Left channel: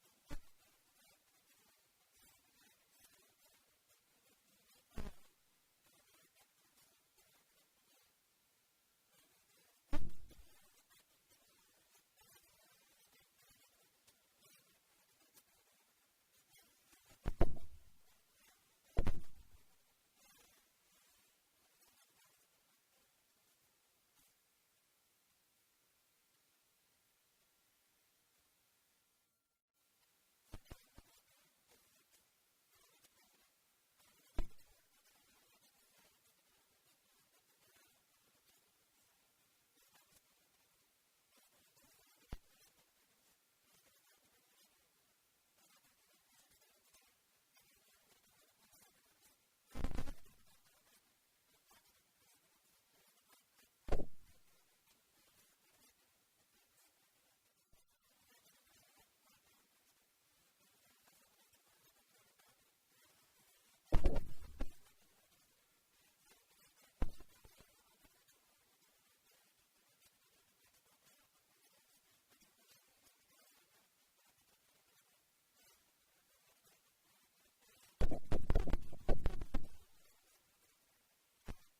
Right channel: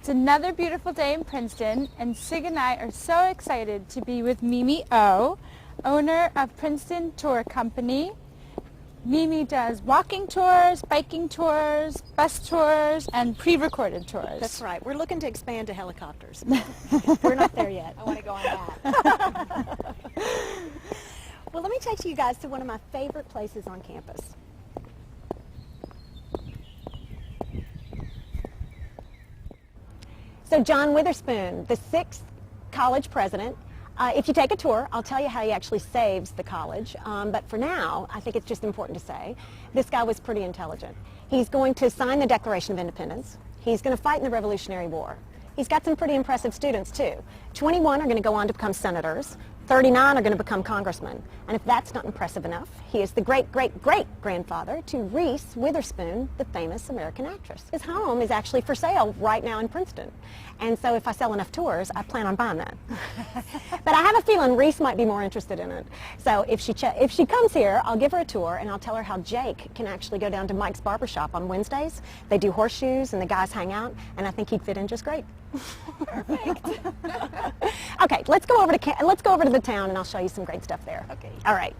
It's another beautiful day in Princeton, and Sig and I are so excited to be with Mimi O, owner of Princeton Tour Company. Mimi does walking tours, biking tours, bus tours, and pre-recorded tours. That's right. We're looking to expand to helicopters. We're not there yet. I want to go on that. Well, let me take you guys to one of my favorite places on campus. So John Witherspoon, the 6th college president. If you take a tour, I'll tell you how he actually saves the college. But for now, I think it's just important to say, this guy was pretty intelligent. He's going to sign the Declaration of Independence. He's going to fight in the Revolutionary War. He's got some pretty impressive students, too. 21 are going to go on to become senators. 39 are going to become congressmen. And if that's not impressive enough, he is the great-great-great-grandfather to Reese Witherspoon, the famous American actress. His home is actually for sale right now in Princeton. And so if I sell enough tours, I plan on buying that. But I have a feeling Reese might be more interested in it. So if she comes here, I'll give her a tour and I'll tell her how Jake can actually go down to Mike's barbershop on Wednesdays. They do horseshoes and the guys hang out, and I think he'd fit in just great. Perfect. Okay, let's go over to the town and I'll show you some great stuff there. Okay. All right.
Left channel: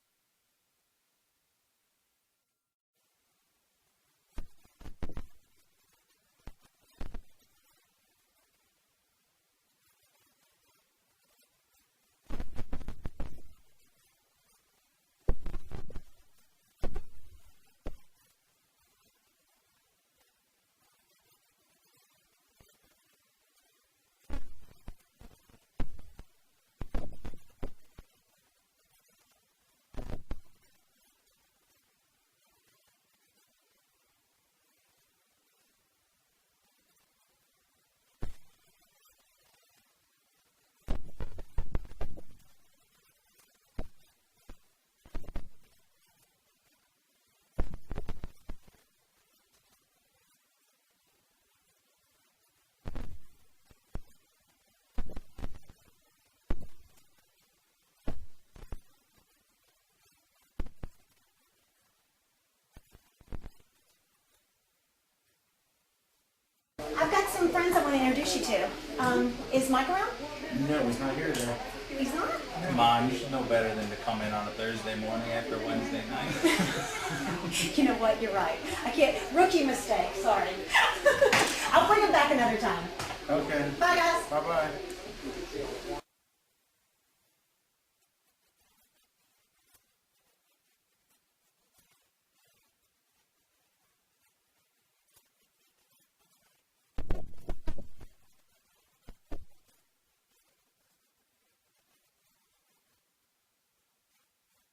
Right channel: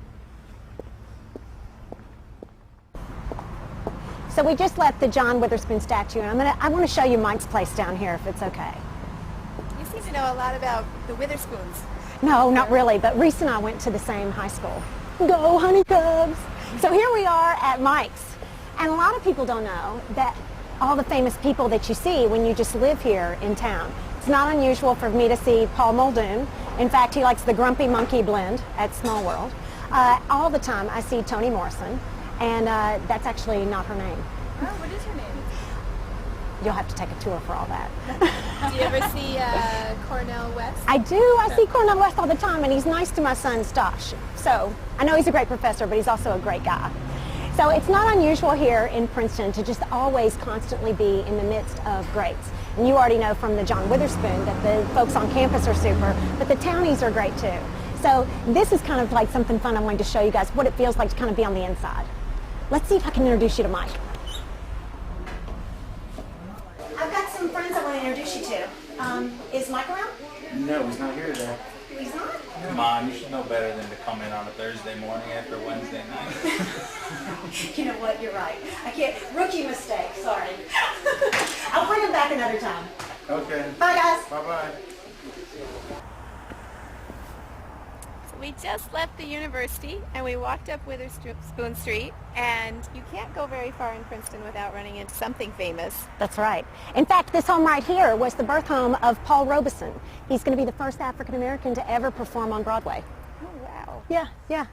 So we just left the John Witherspoon statue, and I want to show you Mike's place down here, if it's okay. You seem to know a lot about the Witherspoons. No, not really, but Reese and I went to the same high school. Go, honey cubs! So here we are at Mike's, and a lot of people don't know that all the famous people that you see when you just live here in town. It's not unusual for me to see Paul Muldoon. In fact, he likes the Grumpy Monkey blend at Small World. All the time I see Toni Morrison. And that's actually not her name. Oh, what is her name? You'll have to take a tour for all that. Do you ever see Cornel West? I do. I see Cornel West all the time, and he's nice to my son, Stosh. So I know he's a great professor, but he's also a great guy. So it's not unusual here in Princeton to just always constantly be in the midst of greats. And you already know from the John Witherspoon that the folks on campus are super, but the townies are great too. So this is kind of like something fun I wanted to show you guys, what it feels like to kind of be on the inside. Let's see if I can introduce you to Mike. I've got some friends I want to introduce you to. Is Mike around? No, he's not here today. He's not? Come on, you should know better than to come in on a Thursday morning after Wednesday night. You know what? You're right. I can't. Rookie mistake. Sorry. I'll bring him back another time. Okay. Bye, guys. Bye-bye. We just left the university and we walked up Witherspoon Street, and you can't go very far in Princeton without running into something famous. That's right. In fact, this home right here was the birth home of Paul Robeson. He's going to be the first African American to ever perform on Broadway. Oh, wow. Yeah, yeah.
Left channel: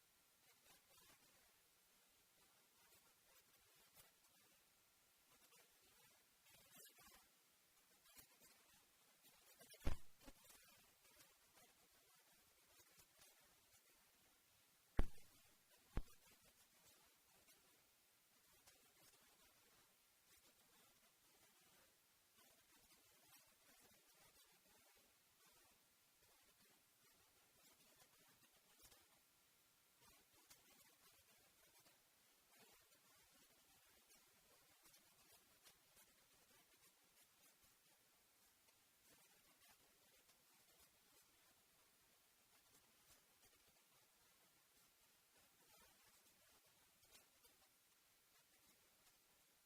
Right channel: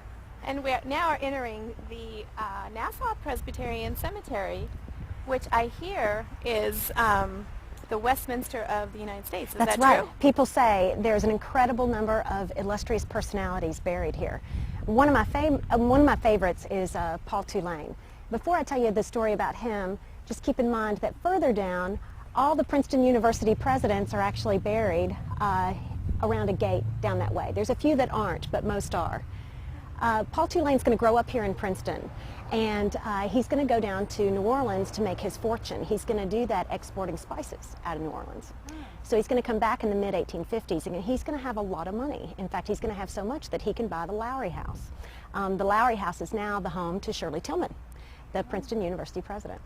And we now are entering the Nassau Presbyterian Cemetery, which I hear is the Westminster of the United States. Is That's that right. true? People say there's an incredible number of illustrious personalities buried here. One of my favorites is Paul Tulane. Before I tell you the story about him, just keep in mind that further down, all the Princeton University presidents are actually buried around a gate down that way. There's a few that aren't, but most are. Paul Tulane's going to grow up here in Princeton, and he's going to go down to New Orleans to make his fortune. He's going to do that exporting spices out of New Orleans. So he's going to come back in the mid-1850s, and he's going to have a lot of money. In fact, he's going to have so much that he can buy the Lowry House. The Lowry House is now the home to Shirley Tillman, the Princeton University president.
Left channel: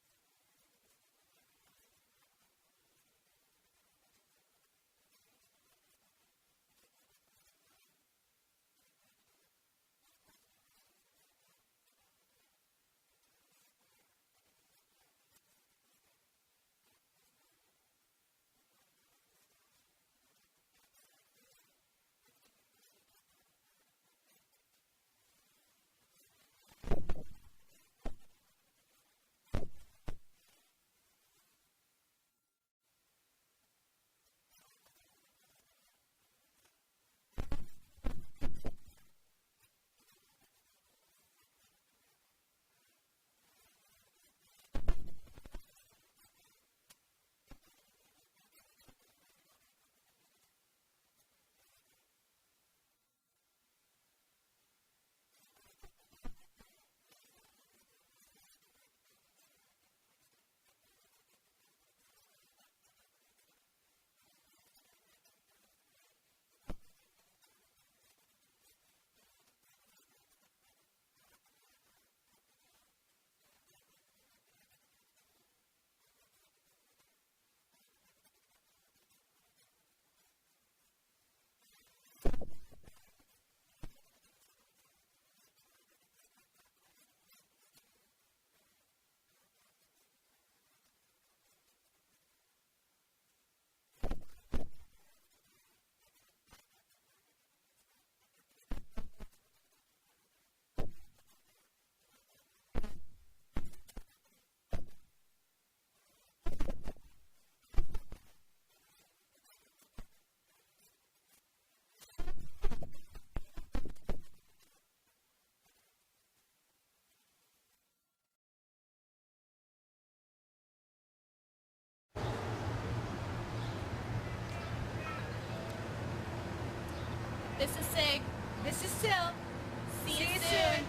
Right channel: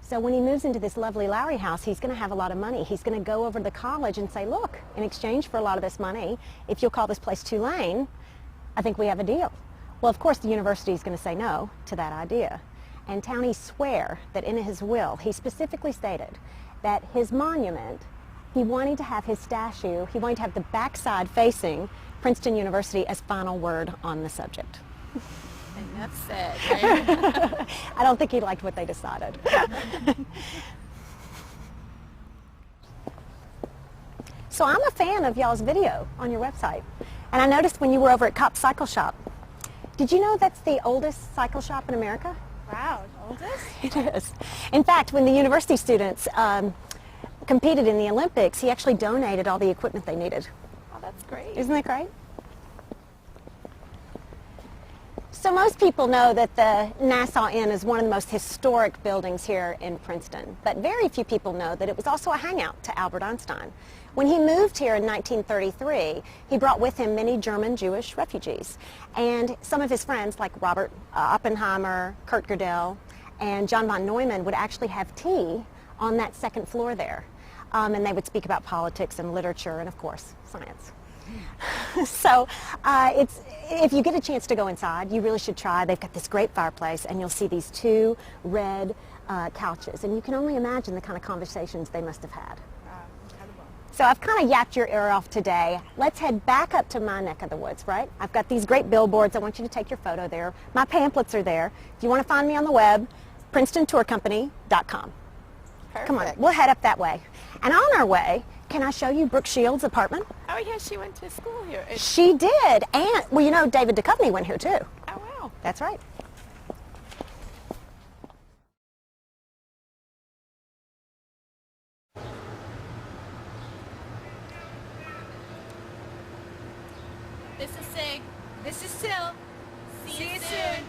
So when he moves into this lovely Lowry House, he's going to have a lot of money. He's going to go over to the college and say, look, in exchange for a lot of this money, if you'll call this place Tulane, I think we have a deal. Well, of course, the university is going to say no to that idea. And townies swear that in his will, he specifically stated that his monument, he wanted to have his statue, he wanted to have the backside facing Princeton University as final word on the subject. Enough said, right? I don't think he liked what they decided. So I'm a fan of y'all's video on your website. And I noticed when you were over at Cop Cycle Shop, did you know that's the oldest cycle shop in America? Wow, oldest? It is. In fact, when the university students competed in the Olympics, he actually donated all the equipment they needed. Oh, that's great. Isn't that great? So most people know that the Nassau Inn is one of the most historic buildings here in Princeton, but very few people know that it was also a hangout to Albert Einstein. When he moved here in 1933, he brought with him many German Jewish refugees, and some of his friends like Robert Oppenheimer, Kurt Gödel, and John von Neumann would actually have tea on that second floor there, and they would speak about politics and literature and, of course, science. So if you get a chance to go inside, you really should try. They've got this great fireplace, and you'll see these two red couches, and you can only imagine the kind of conversations they must have had. So I've kind of yapped your ear off today. Let's head back up to my neck of the woods, right? I've got these great billboards. I want you to take your photo there. My pamphlets are there. If you want to find me on the web, PrincetonTourCompany.com. Perfect. Come on, we'll head up that way. And on our way, can I show you Brooke Shields' apartment? Oh, yeah, she went to school here. She did. And, well, you know, David Duchovny went here, too. Oh, wow. That's right. This is Sig. This is Sil. See you soon.